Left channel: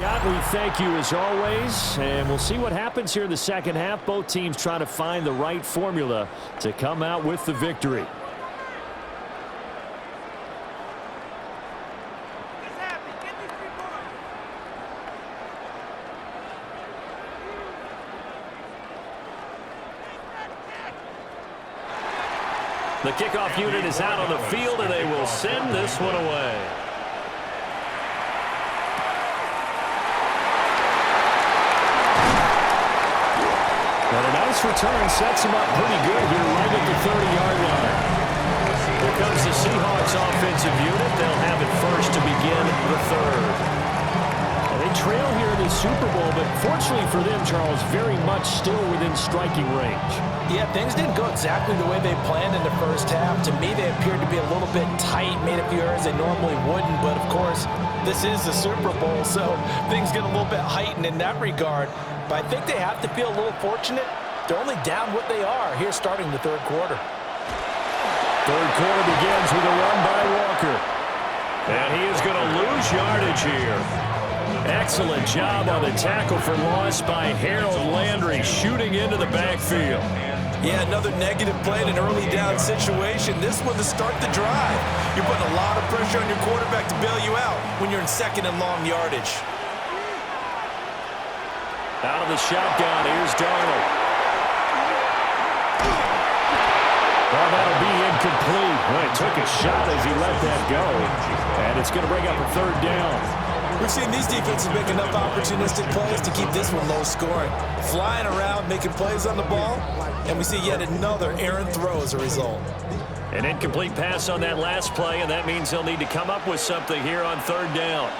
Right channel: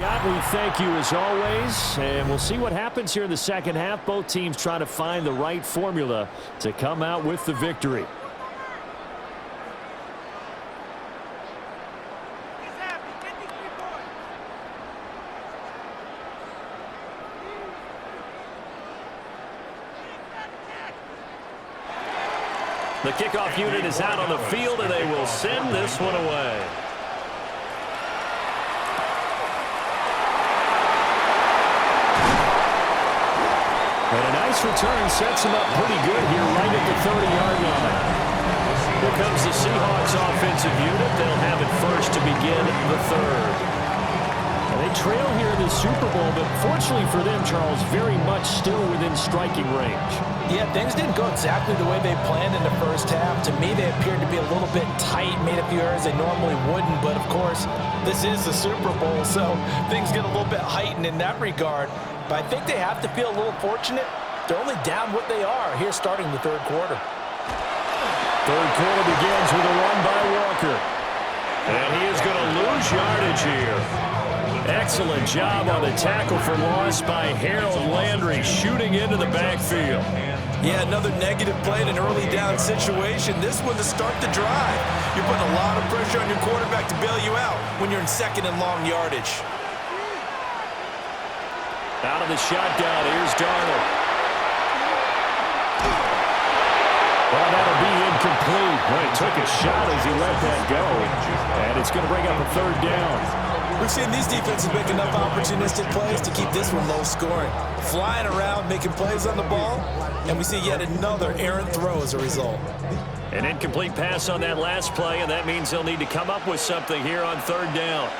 God, we thank you as always, and we'll see what happens here in the second half. Both teams trying to find the right formula to come out with the victory. The kickoff unit is out on the field, and they will send this one away. And a nice return sets him up pretty good here right at the 30-yard line. Here comes the Seahawks offensive unit. They'll have it first to begin the third. And they trail here in the Super Bowl, but fortunately for them, Charles, very much still within striking range. Yeah, things didn't go exactly the way they planned in the first half. To me, they appeared to be a little bit tight, made a few errors they normally wouldn't. But, of course, this is the Super Bowl, so things get a little bit heightened in that regard. But I think they have to feel a little fortunate. They're only down what they are here starting the third quarter. Third quarter begins with a run by Walker. And he is going to lose yardage here. Excellent job on the tackle for loss by Harold Landry, shooting into the backfield. Yeah, another negative play in an early down situation. This one to start the drive. You're putting a lot of pressure on your quarterback to bail you out when you're in second and long yardage. Out of the shotgun, here's Darnold. Well, that'll be incomplete. Well, he took a shot as he let that go. And it's going to bring up a third down. We've seen these defenses make enough opportunistic plays to keep this one low scoring. Flying around, making plays on the ball, and we see yet another errant throw as a result. An incomplete pass on that last play, and that means they'll need to come up with something here on third down.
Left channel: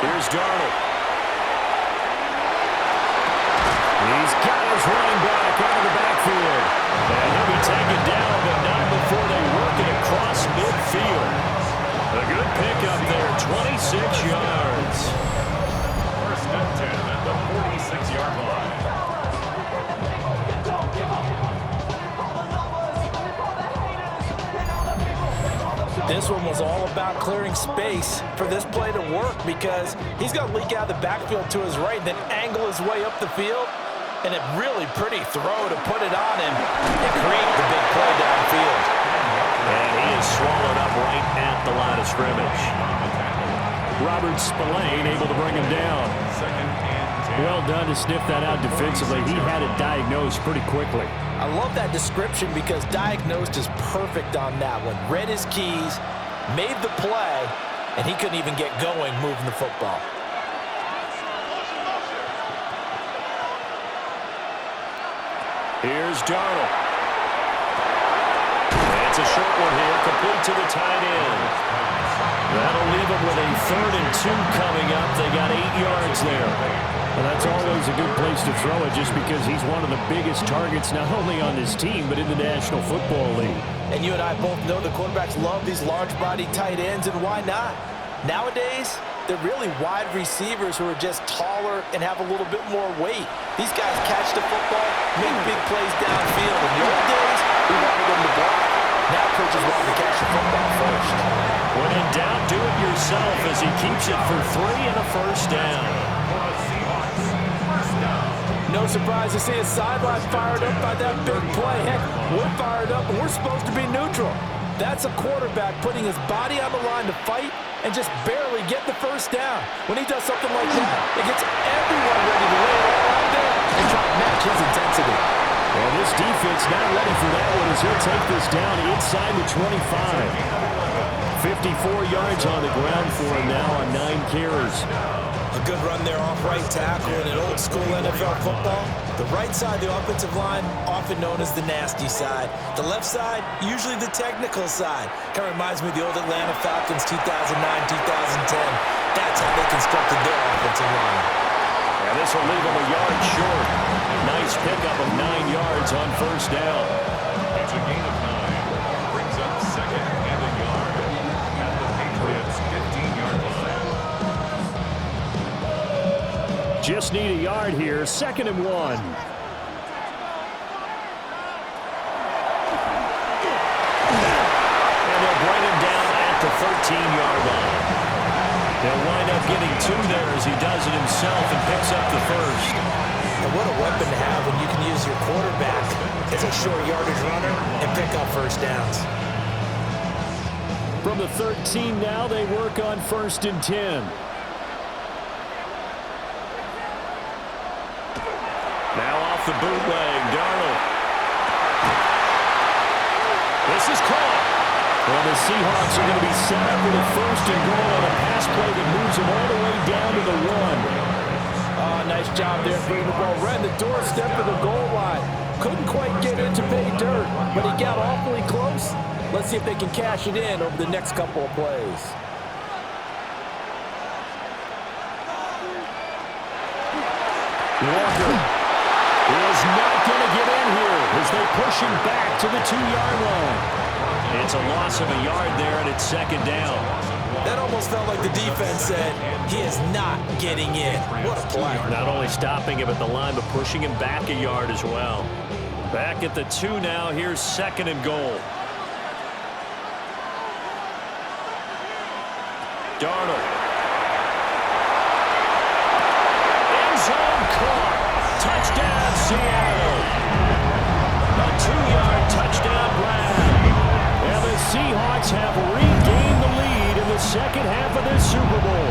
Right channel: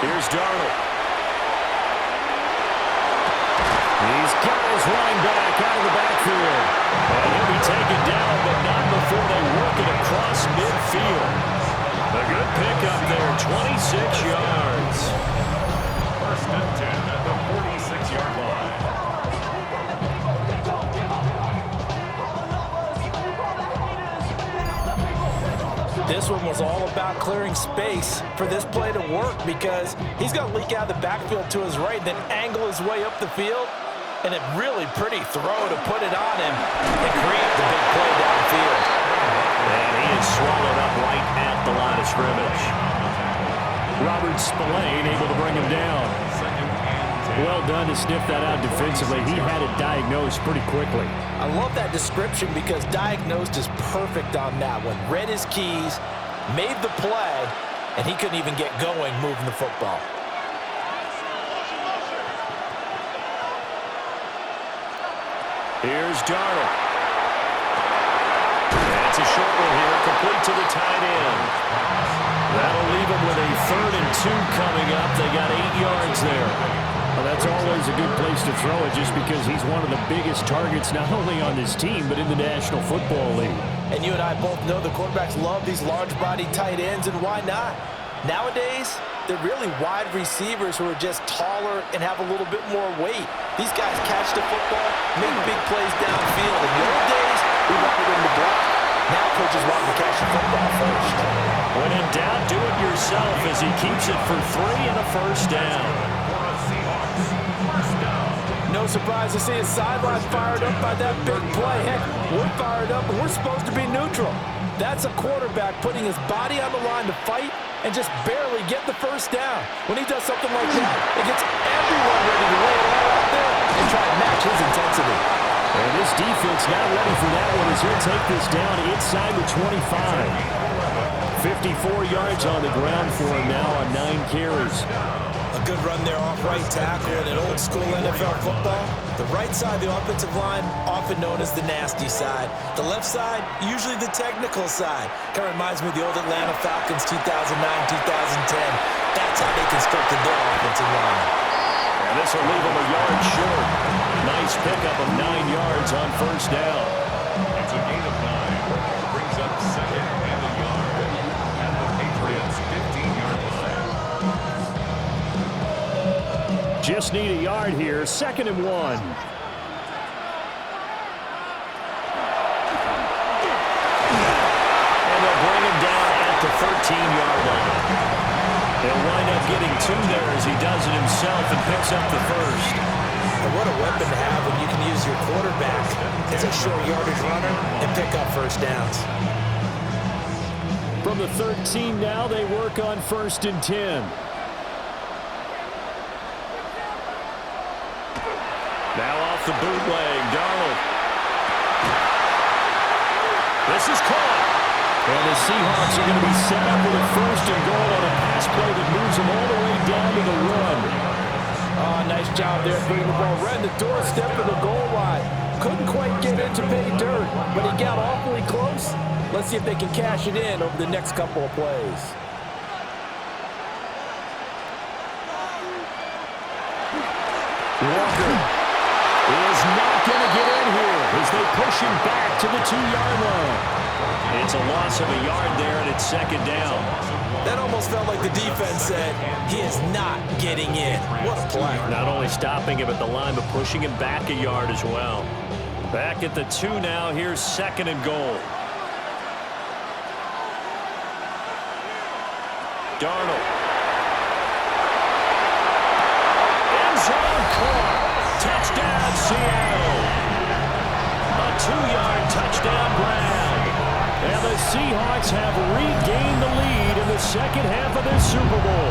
Here's Darnold. He's got his running back out of the backfield. And he'll be taken down, but not before they work it across midfield. A good pickup there, 26 yards. First and 10 at the 46-yard line. This one was all about clearing space for this play to work because he's going to leak out of the backfield to his right, then angle his way up the field. And a really pretty throw to put it on him and create the big play downfield. And he is swallowed up right at the line of scrimmage. Robert Spillane able to bring him down. Well done to sniff that out defensively. He had it diagnosed pretty quickly. I love that description because diagnosed is perfect on that one. Read his keys, made the play, and he couldn't even get going moving the football. Here's Darnold. It's a short one here, complete to the tight end. That'll leave them with a 3rd and 2 coming up. They got 8 yards there. Well, that's always a good place to throw it just because he's one of the biggest targets not only on this team but in the National Football League. And you and I both know the quarterbacks love these large-body tight ends, and why not? Nowadays, they're really wide receivers who are just taller and have a little bit more weight. These guys catch the football, make big plays downfield. In the old days, we wanted them to block. Now coaches want them to catch the football first. When in doubt, do it yourself as he keeps it for 3 and a first down. No surprise to see his sideline fired up by that big play. Heck, we're fired up and we're supposed to be neutral. That's a quarterback putting his body on the line to fight and just barely get the first down. When he does something like that, it gets everyone ready to lay it all out there and try and match his intensity. And this defense not ready for that one as he'll take this down inside the 25. 54 yards on the ground for him now on 9 carries. A good run there off right tackle in an old-school NFL football. The right side of the offensive line, often known as the nasty side. The left side, usually the technical side. Kind of reminds me of the old Atlanta Falcons 2009-2010. That's how they constructed their offensive line. And this will leave them a yard short. Nice pickup of 9 yards on first down. It's a gain of 9. Brings up 2nd and a yard at the Patriots' 15-yard line. Just need a yard here. 2nd and 1. And they'll bring him down at the 13-yard line. getting two there as he does it himself and picks up the first. And what a weapon to have when you can use your quarterback as a short yardage runner and pick up first downs. From the 13 now, they work on 1st and 10. Now off the bootleg, Darnold. This is caught. And the Seahawks are going to be set up with a 1st and goal on a pass play that moves them all the way down to the run. Oh, nice job there bringing the ball right in the doorstep of the goal line. Couldn't quite get in to pay dirt, but he got awfully close. Let's see if they can cash it in over the next couple of plays. Walker is not going to get in here as they push him back to the 2-yard line. It's a loss of a yard there, and it's 2nd down. That almost felt like the defense said, he is not getting in. What a play. Not only stopping him at the line, but pushing him back a yard as well. Back at the 2 now. Here's 2nd and goal. Darnold. End zone caught. Touchdown, Seattle. A 2-yard touchdown grab. And the Seahawks have regained the lead in the second half of this Super Bowl.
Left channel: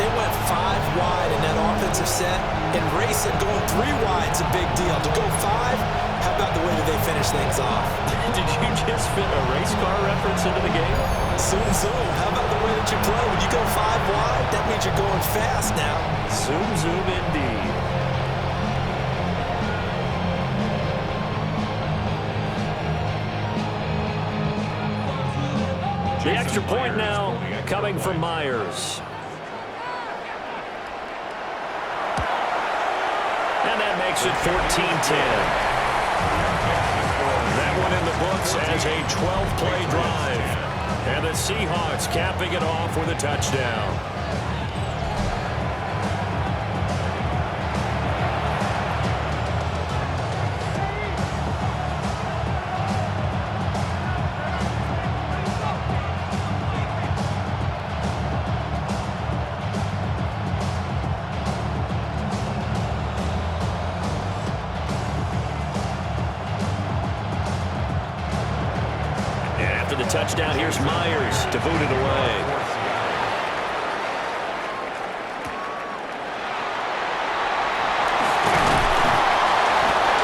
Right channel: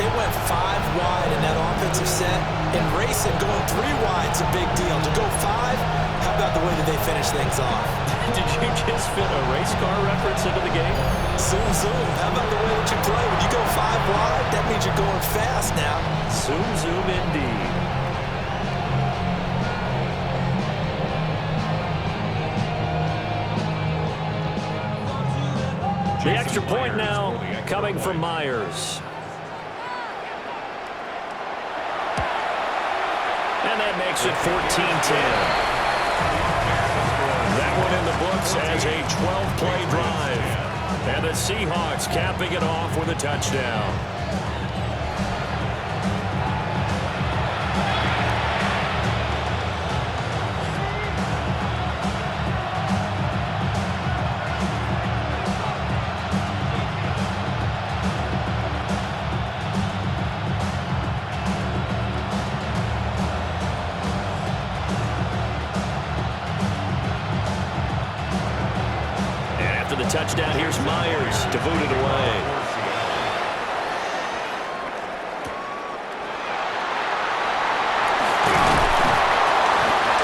They went 5 wide in that offensive set, and racing going 3 wide is a big deal. To go 5, how about the way that they finish things off? Did you just fit a race car reference into the game? Zoom, zoom. How about the way that you play? When you go 5 wide, that means you're going fast now. Zoom, zoom indeed. The extra point now coming from Myers. And that makes it 14-10. That one in the books as a 12-play drive. And the Seahawks capping it off with a touchdown. After the touchdown, here's Myers to boot it away.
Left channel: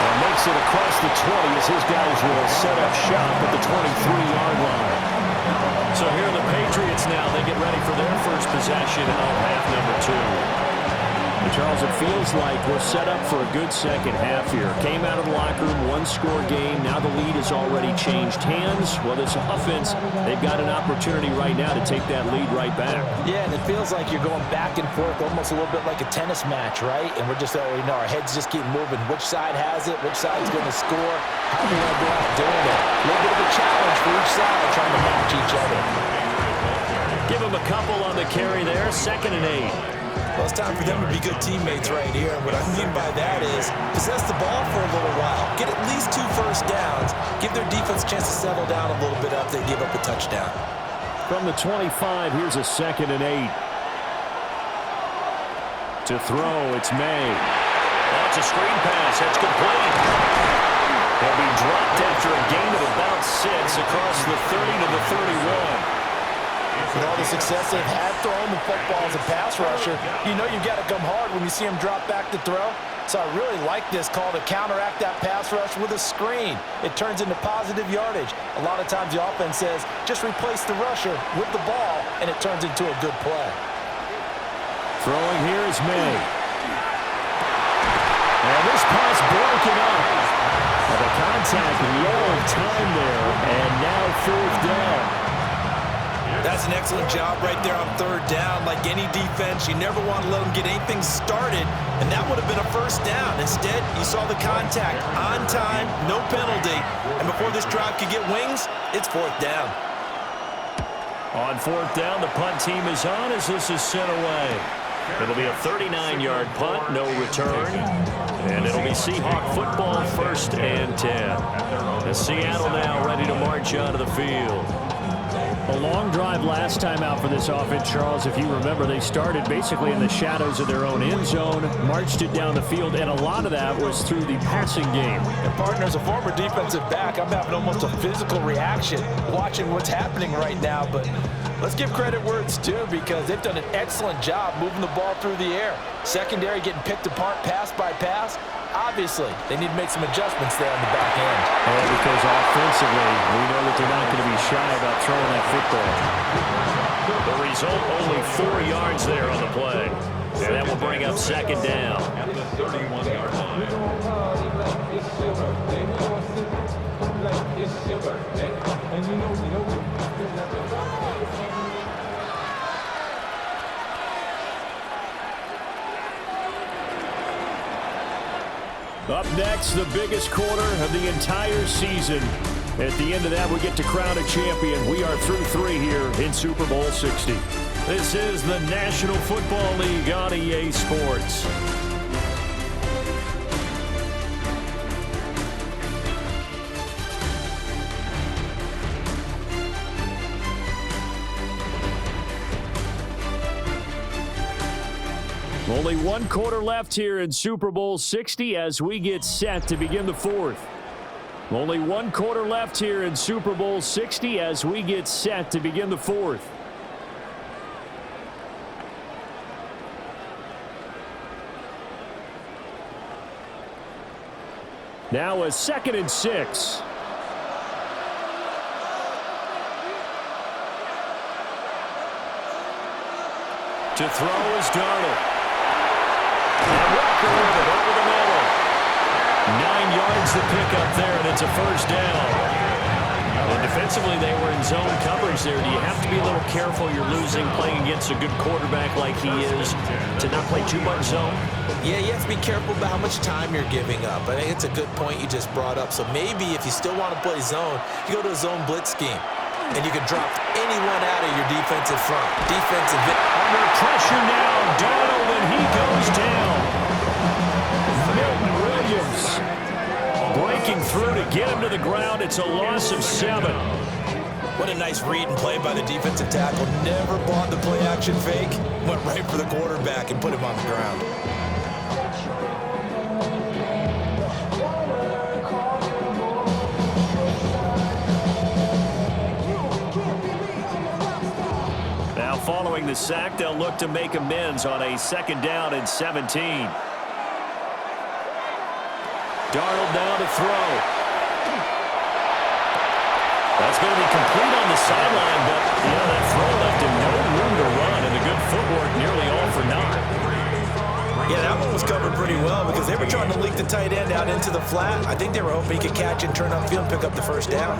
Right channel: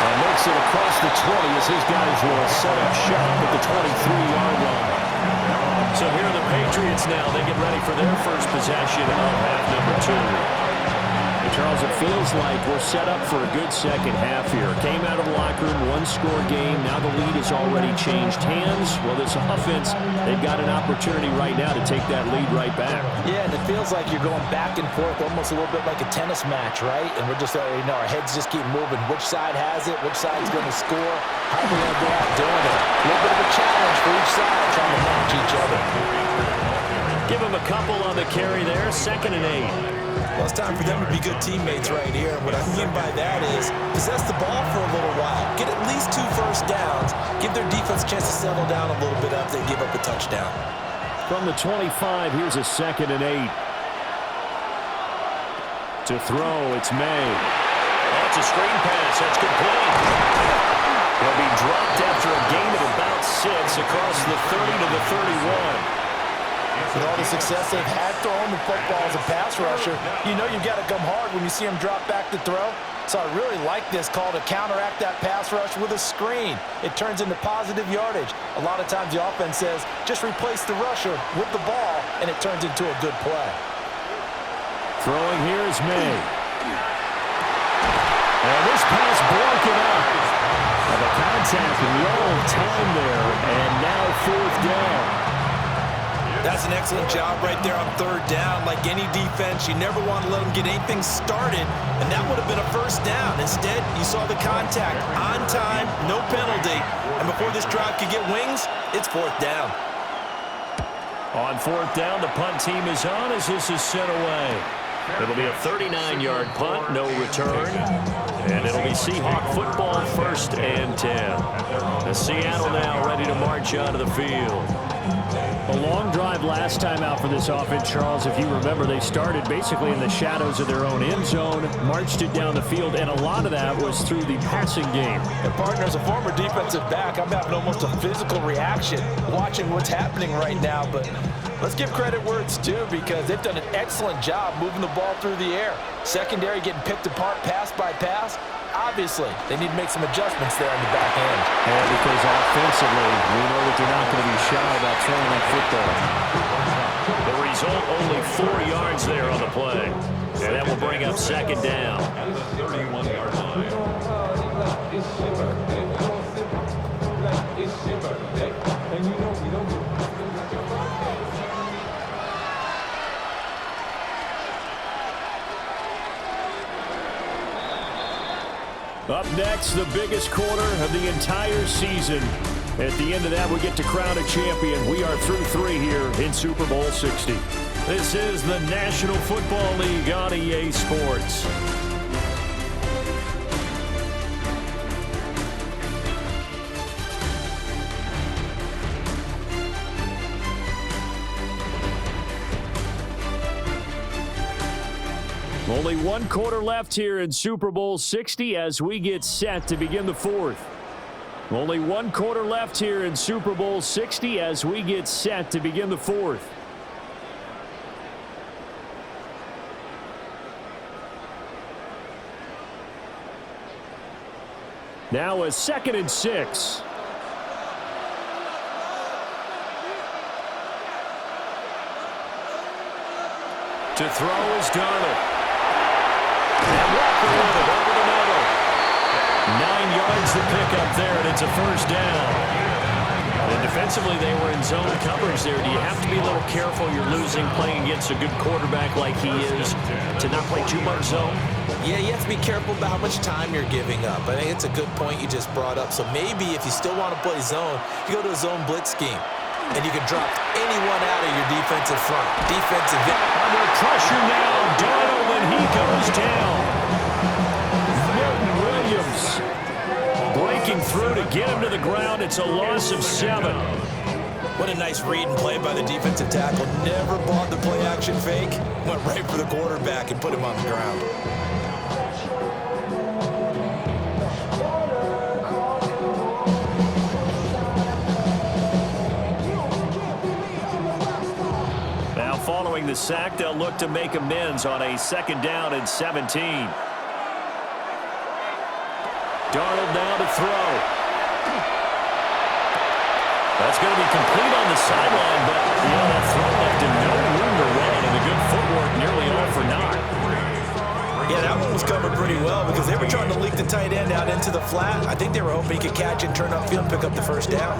And makes it across the 20 as his guys will set up shop at the 23-yard line. So here are the Patriots now. They get ready for their first possession of half number 2. Charles, it feels like we're set up for a good second half here. Came out of the locker room, 1-score game. Now the lead has already changed hands. Well, this offense, they've got an opportunity right now to take that lead right back. Yeah, and it feels like you're going back and forth, almost a little bit like a tennis match, right? And we're just, our heads just keep moving. Which side has it? Which side's going to score? How are we going to go out doing it? A little bit of a challenge for each side, trying to match each other. Give them a couple on the carry there. 2nd and 8. Well, it's time for them to be good teammates right here. And what I mean by that is possess the ball for a little while. Get at least 2 first downs. Give their defense a chance to settle down a little bit after they give up a touchdown. From the 25, here's a 2nd and 8. To throw, it's May. Oh, it's a screen pass. That's complete. He'll be dropped after a gain of about 6 across the 30 to the 31. With all the success they've had throwing the football as a pass rusher, you know you've got to come hard when you see him drop back to throw. So I really like this call to counteract that pass rush with a screen. It turns into positive yardage. A lot of times the offense says, just replace the rusher with the ball, and it turns into a good play. Throwing here is May. And this pass broken up. Well, the contact long time there, and now 4th down. That's an excellent job right there on 3rd down. Like any defense, you never want to let them get anything started, and that would have been a first down. Instead, you saw the contact on time, no penalty, and before this drive could get wings, it's 4th down. On 4th down, the punt team is on as this is sent away. It'll be a 39-yard punt, no return, and it'll be Seahawk football 1st and 10. The Seattle now ready to march out of the field. A long drive last time out for this offense, Charles. If you remember, they started basically in the shadows of their own end zone, marched it down the field, and a lot of that was through the passing game. And partner, as a former defensive back, I'm having almost a physical reaction watching what's happening right now. But let's give credit where it's due, because they've done an excellent job moving the ball through the air. Secondary getting picked apart pass by pass. Obviously, they need to make some adjustments there on the back end. Yeah, because offensively, we know that they're not going to be shy about throwing that football. The result, only 4 yards there on the play. And that will bring up second down. At the 31-yard line. Up next, the biggest quarter of the entire season. At the end of that, we get to crown a champion. We are through 3 here in Super Bowl 60. This is the National Football League on EA Sports. Only 1 quarter left here in Super Bowl 60 as we get set to begin the 4th. Only 1 quarter left here in Super Bowl 60 as we get set to begin the 4th. Now a 2nd and 6. To throw is Darnold. And Walker with it over the middle. 9 yards to pick up there, and it's a first down. And defensively, they were in zone coverage there. Do you have to be a little careful? You're losing, playing against a good quarterback like he is, to not play too much zone? Yeah, you have to be careful about how much time you're giving up. I think it's a good point you just brought up. So maybe if you still want to play zone, you go to a zone blitz scheme. And you can drop anyone out of your defensive front. Under pressure now, Darnold, and he goes down. Milton Williams breaking through to get him to the ground. It's a loss of 7. What a nice read and play by the defensive tackle. Never bought the play-action fake. Went right for the quarterback and put him on the ground. Following the sack, they'll look to make amends on a 2nd down and 17. Darnold now to throw. That's going to be complete on the sideline, but, that throw left him no room to run, and the good footwork nearly all for naught. Yeah, that one was covered pretty well because they were trying to leak the tight end out into the flat. I think they were hoping he could catch and turn upfield and pick up the first down.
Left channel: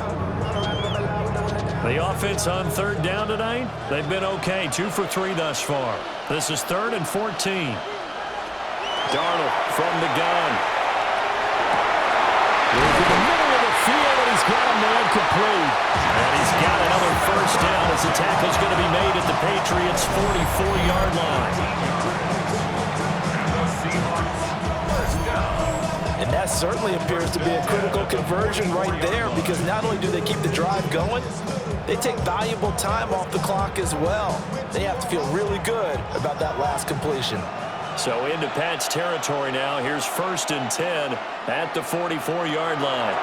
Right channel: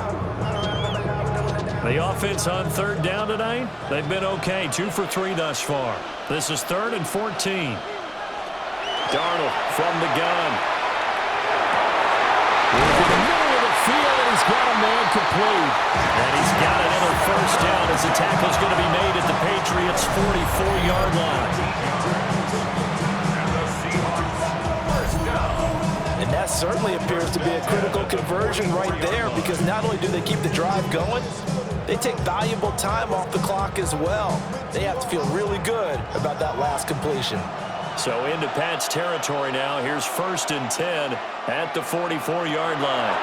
The offense on 3rd down tonight, they've been okay. 2 for 3 thus far. This is 3rd and 14. Darnold from the gun. Into the middle of the field, and he's got a man complete. And he's got another first down as the tackle's going to be made at the Patriots' 44-yard line. And that certainly appears to be a critical conversion right there, because not only do they keep the drive going, they take valuable time off the clock as well. They have to feel really good about that last completion. So into Pat's territory now. Here's 1st and 10 at the 44-yard line.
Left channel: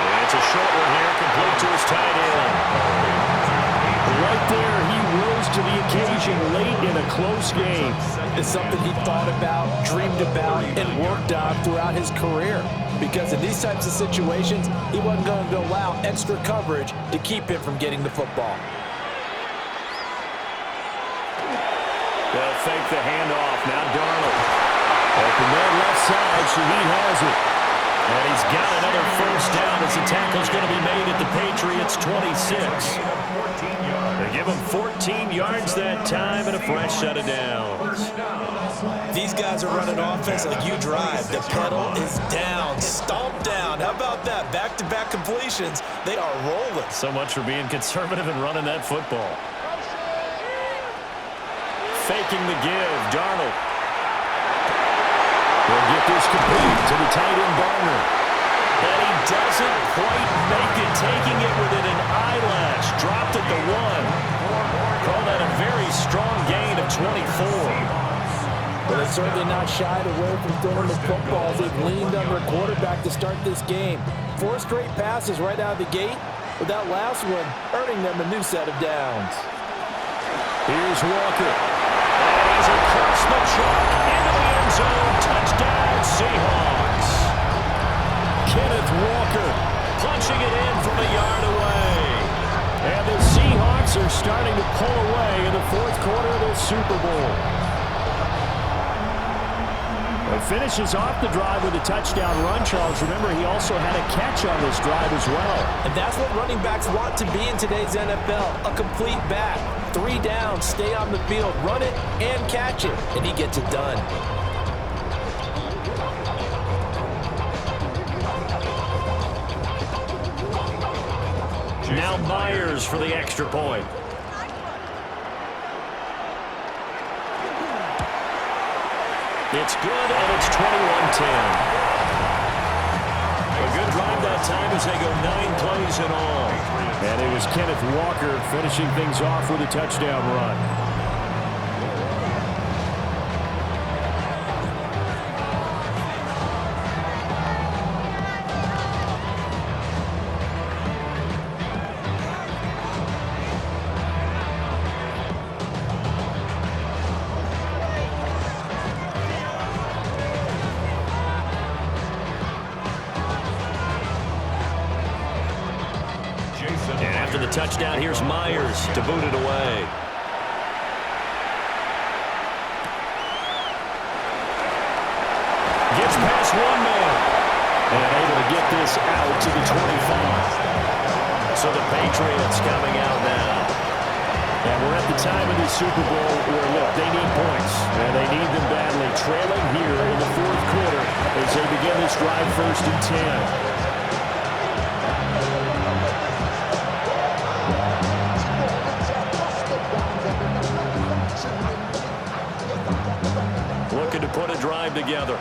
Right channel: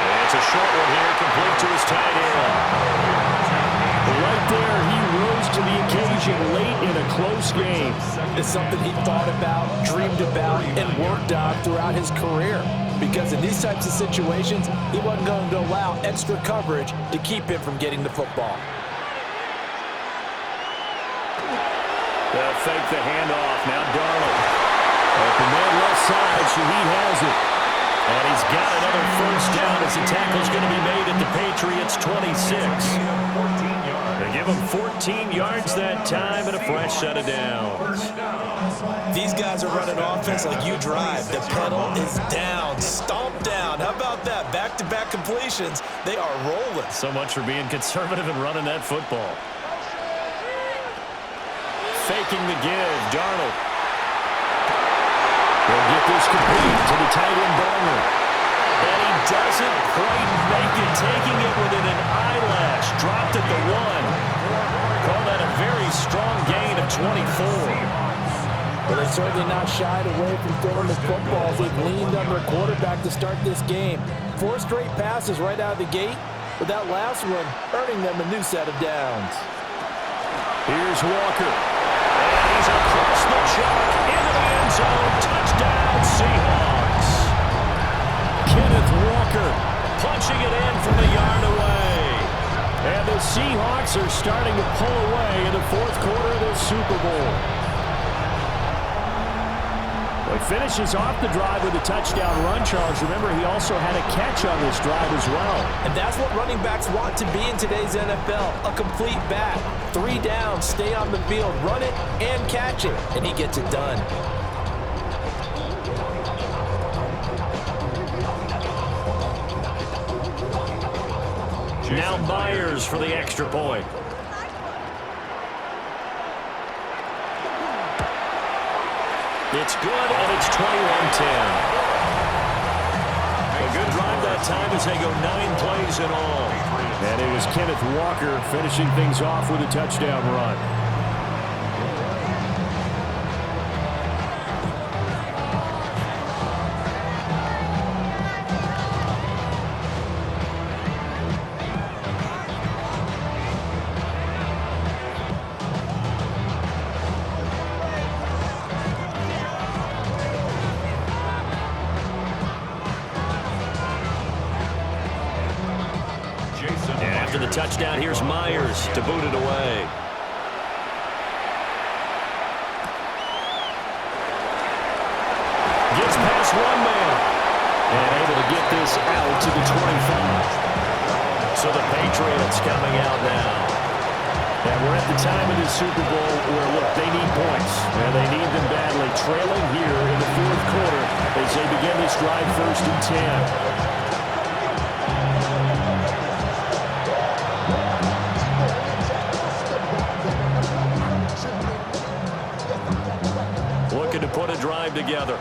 And it's a short one here, complete to his tight end. Right there, he rose to the occasion late in a close game. It's something he thought about, dreamed about, and worked on throughout his career. Because in these types of situations, he wasn't going to allow extra coverage to keep him from getting the football. They'll fake the handoff. Now Darnold. Open man left side. Shaheed has it. And he's got another first down as the tackle's going to be made at the Patriots' 26. They give him 14 yards that time and a fresh set of downs. These guys are running offense like you drive. The pedal is down, stomp down. How about that? Back-to-back completions. They are rolling. So much for being conservative and running that football. Faking the give, Darnold. He'll get this complete to the tight end Barner. And he doesn't quite make it, taking it within an eyelash. Dropped at the 1. Call that a very strong gain of 24. Well, they're certainly not shied away from throwing the footballs. They've leaned on their quarterback to start this game. 4 straight passes right out of the gate, with that last one earning them a new set of downs. Here's Walker. And he's across the chalk into the end zone. Touchdown, Seahawks. Kenneth Walker punching it in from a yard away. And the Seahawks are starting to pull away in the 4th quarter of this Super Bowl. Well, he finishes off the drive with a touchdown run, Charles. Remember, he also had a catch on this drive as well. And that's what running backs want to be in today's NFL, a complete back. 3 downs, stay on the field, run it, and catch it, and he gets it done. Now Myers for the extra point. It's good, and it's 21-10. A good drive that time as they go 9 plays in all. And it was Kenneth Walker finishing things off with a touchdown run. And after the touchdown, here's Myers to boot it away. Gets past one man. And able to get this out to the 25. So the Patriots coming out now. And we're at the time of this Super Bowl where, look, they need points. And they need them badly. Trailing here in the 4th quarter as they begin this drive 1st and 10. Looking to put a drive together.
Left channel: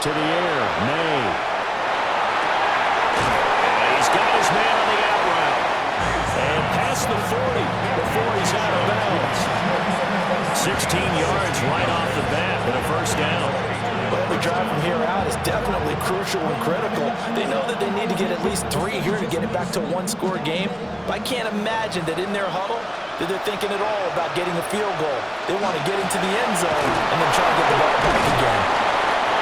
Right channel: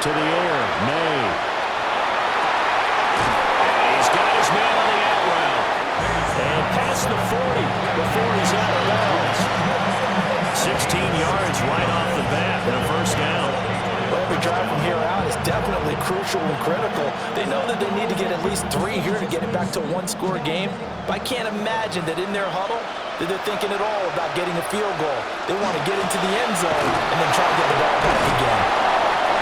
To the air, May. And he's got his man on the out route. And past the 40 before he's out of bounds. 16 yards right off the bat and a 1st down. Well, every drive from here out is definitely crucial and critical. They know that they need to get at least 3 here to get it back to a 1-score game. But I can't imagine that in their huddle that they're thinking at all about getting a field goal. They want to get into the end zone and then try to get the ball back again.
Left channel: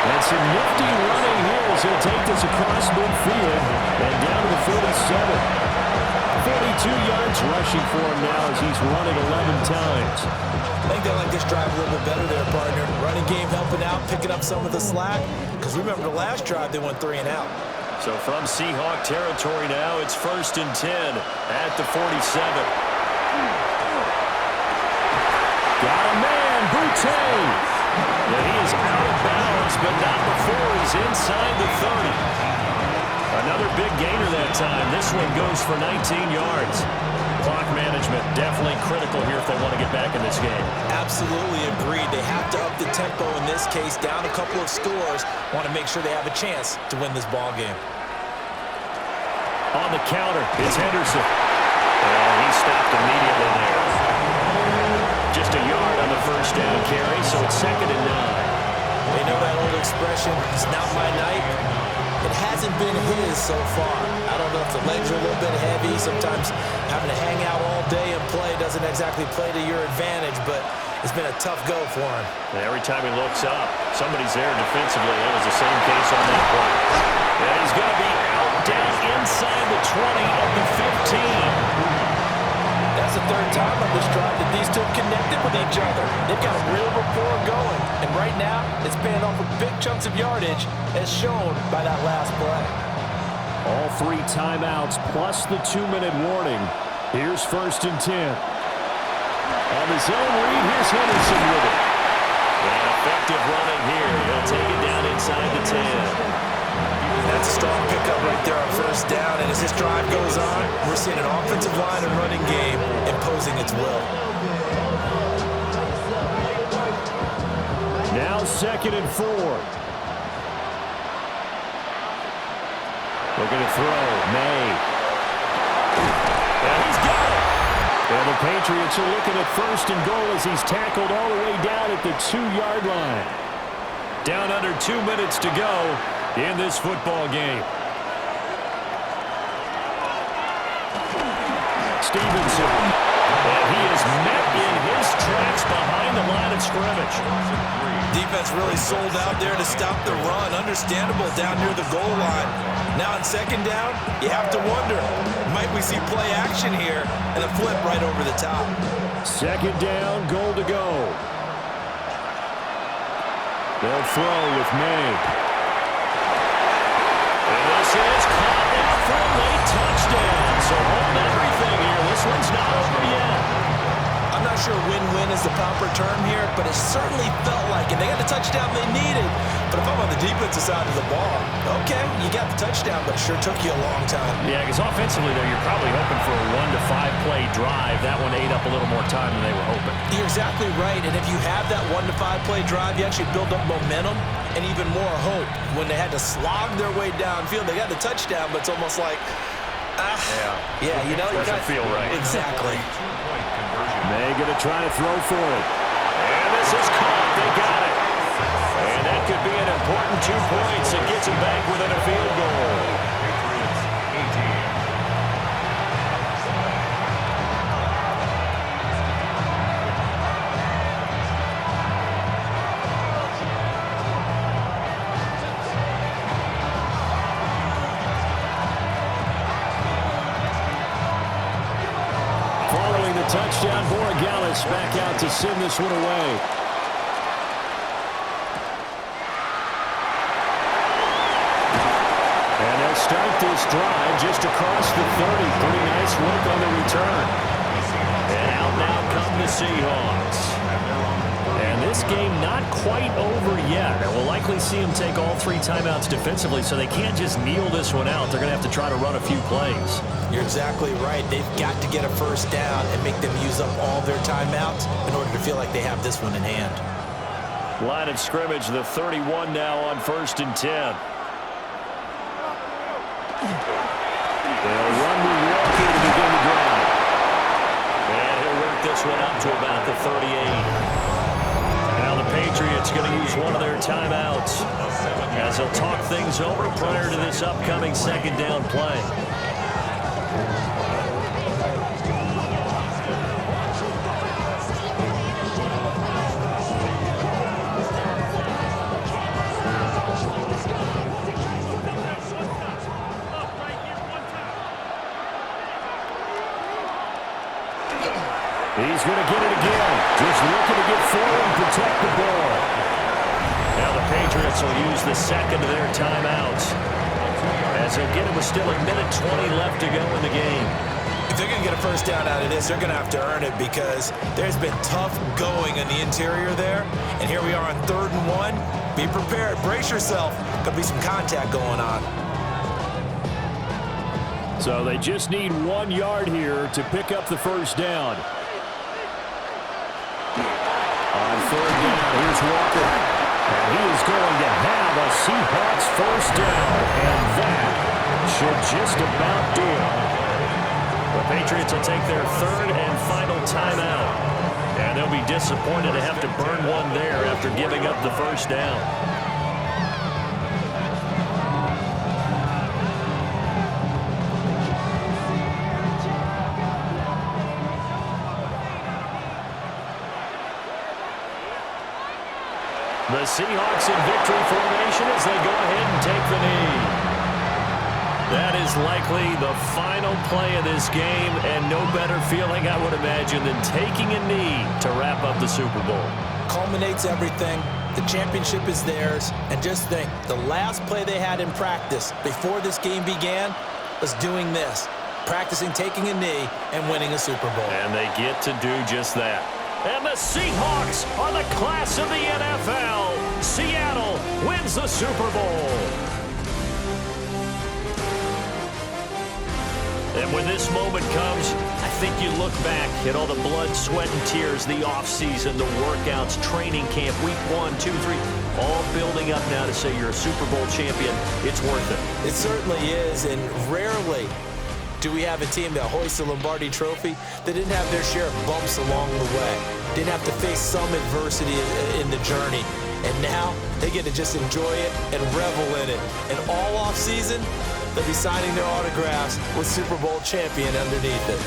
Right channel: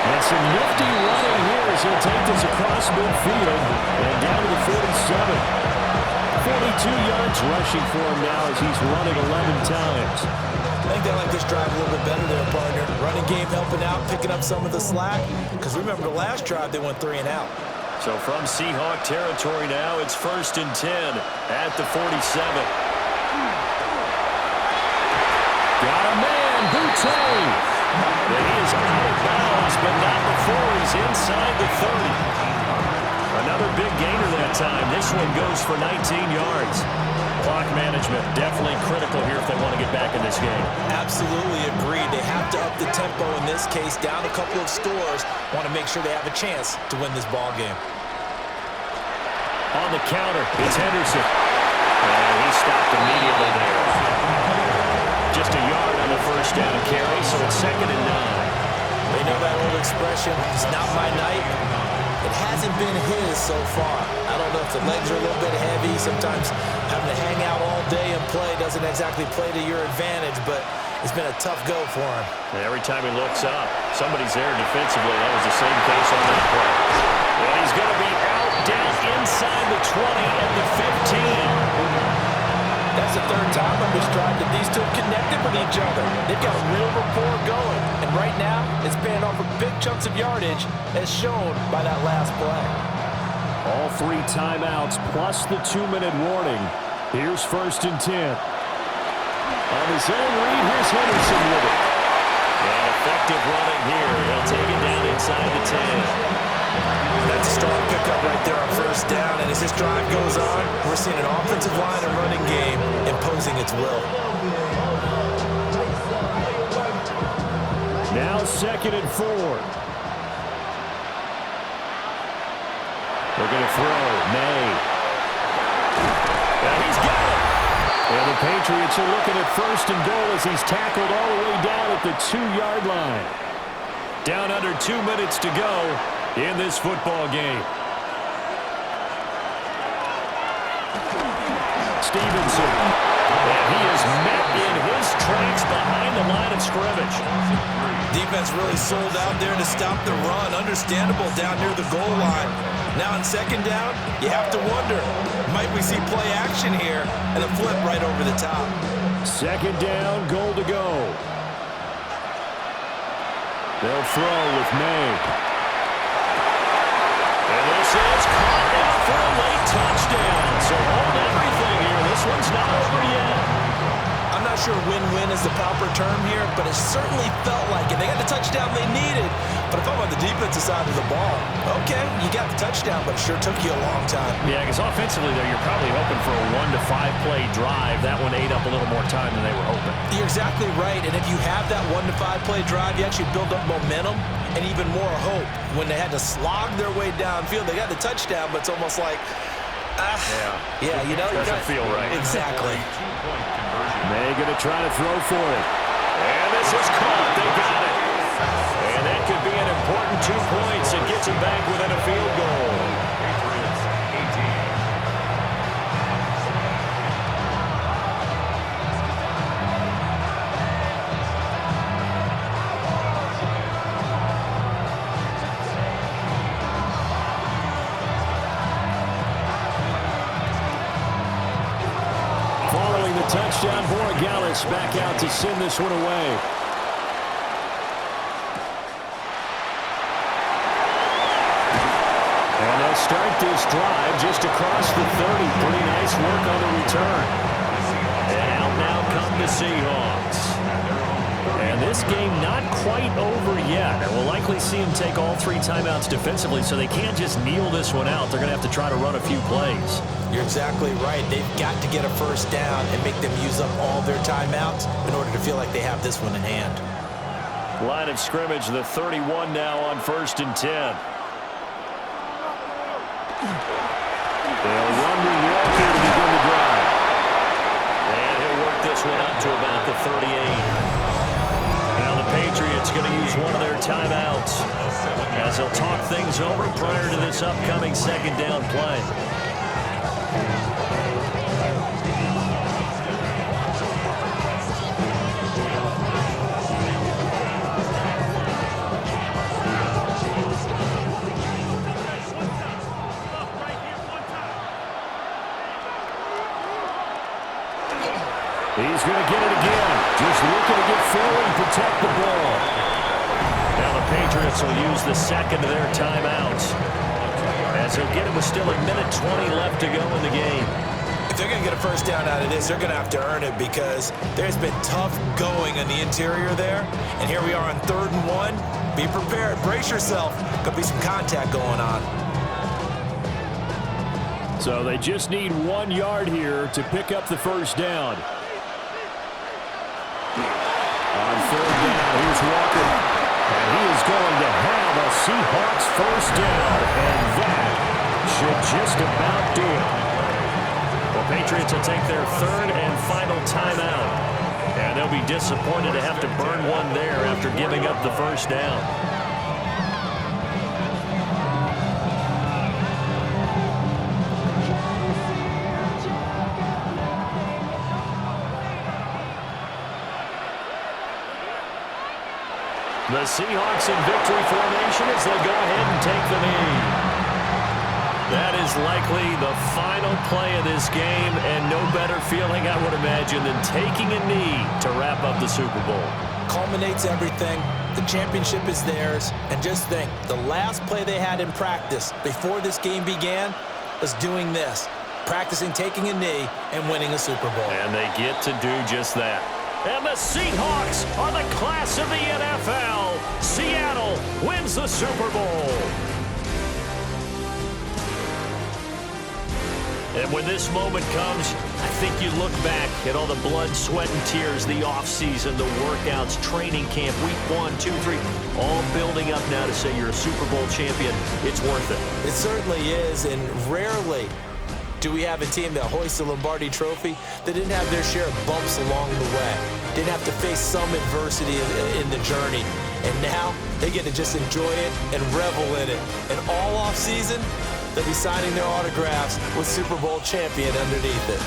And some nifty running here as he'll take this across midfield and down to the 47. 42 yards rushing for him now as he's run it 11 times. I think they like this drive a little bit better there, partner. Running game helping out, picking up some of the slack. Because remember the last drive, they went 3 and out. So from Seahawk territory now, it's 1st and 10 at the 47. Got a man, Boutte. And he is out of bounds, but not before he's inside the 30. Another big gainer that time. This one goes for 19 yards. Clock management definitely critical here if they want to get back in this game. Absolutely agreed. They have to up the tempo in this case, down a couple of scores. Want to make sure they have a chance to win this ball game. On the counter, it's Henderson. And he stopped immediately there. Just a yard on the 1st down carry, so it's 2nd and 9. They know that old expression, it's not my night. It hasn't been his so far. I don't know if the legs are a little bit heavy. Sometimes having to hang out all day and play doesn't exactly play to your advantage, but it's been a tough go for him. And every time he looks up, somebody's there defensively. That was the same case on that play. And he's going to be out down inside the 20 at the 15. That's the 3rd time on this drive that these two have connected with each other. They've got a real rapport going. And right now, it's paying off with big chunks of yardage, as shown by that last play. All 3 timeouts plus the 2-minute warning. Here's 1st and 10. On the zone read, here's Henderson with it. And effective running here. He'll take it down inside the 10. That's a strong pickup right there on 1st down. And as this drive goes on, we're seeing an offensive line and running game imposing its will. Now 2nd and 4. Looking to throw. May. And he's got it. And the Patriots are looking at 1st and goal as he's tackled all the way down at the 2-yard line. Down under 2 minutes to go in this football game. Stevenson. And he is met in his tracks behind the line of scrimmage. Defense really sold out there to stop the run. Understandable down near the goal line. Now on 2nd down, you have to wonder, might we see play action here and a flip right over the top? 2nd down, goal to go. They'll throw with May. And this is caught out for a late touchdown. So hold everything here. This one's not over yet. I'm not sure win-win is the proper term here, but it certainly felt like it. They got the touchdown they needed, but if I'm on the defensive side of the ball, okay, you got the touchdown, but it sure took you a long time. Yeah, because offensively, though, you're probably hoping for a 1 to 5 play drive. That one ate up a little more time than they were hoping. You're exactly right, and if you have that 1 to 5 play drive, you actually build up momentum and even more hope. When they had to slog their way downfield, they got the touchdown, but it's almost like, yeah, you know, doesn't feel right. Exactly. May going to try to throw for it. And this is caught. They got it. And that could be an important 2 points. It gets them back within a field goal. Patriots 18. Following the touchdown, Borregales back out to send this one away. And they'll start this drive just across the 30. Pretty nice work on the return. And out now come the Seahawks. And this game not quite over yet. And we'll likely see them take all 3 timeouts defensively, so they can't just kneel this one out. They're going to have to try to run a few plays. You're exactly right. They've got to get a 1st down and make them use up all their timeouts in order to feel like they have this one in hand. Line of scrimmage, the 31 now on 1st and 10. They'll run with Walker to begin the drive. And he'll work this one up to about the 38. Now the Patriots going to use one of their timeouts as they'll talk things over prior to this upcoming 2nd down play. He's going to get it again. Just looking to get forward and protect the ball. Now the Patriots will use the 2nd of their timeouts, as they'll get it with still 1:20 left to go in the game. If they're going to get a 1st down out of this, they're going to have to earn it because there's been tough going in the interior there. And here we are on 3rd and 1. Be prepared. Brace yourself. Could be some contact going on. So they just need 1 yard here to pick up the 1st down. On 3rd down, here's Walker. And he is going to have a Seahawks 1st down. And that should just about do it. The Patriots will take their 3rd and final timeout. And they'll be disappointed to have to burn one there after giving up the 1st down. The Seahawks in victory formation as they go ahead and take the knee. That is likely the final play of this game, and no better feeling, I would imagine, than taking a knee to wrap up the Super Bowl. Culminates everything. The championship is theirs. And just think, the last play they had in practice before this game began was doing this, practicing taking a knee and winning a Super Bowl. And they get to do just that. And the Seahawks are the class of the NFL. Seattle wins the Super Bowl. And when this moment comes, I think you look back at all the blood, sweat, and tears, the offseason, the workouts, training camp, week 1, 2, 3, all building up now to say you're a Super Bowl champion. It's worth it. It certainly is, and rarely do we have a team that hoists the Lombardi Trophy that didn't have their share of bumps along the way, didn't have to face some adversity in the journey. And now they get to just enjoy it and revel in it. And all offseason, they'll be signing their autographs with Super Bowl champion underneath it.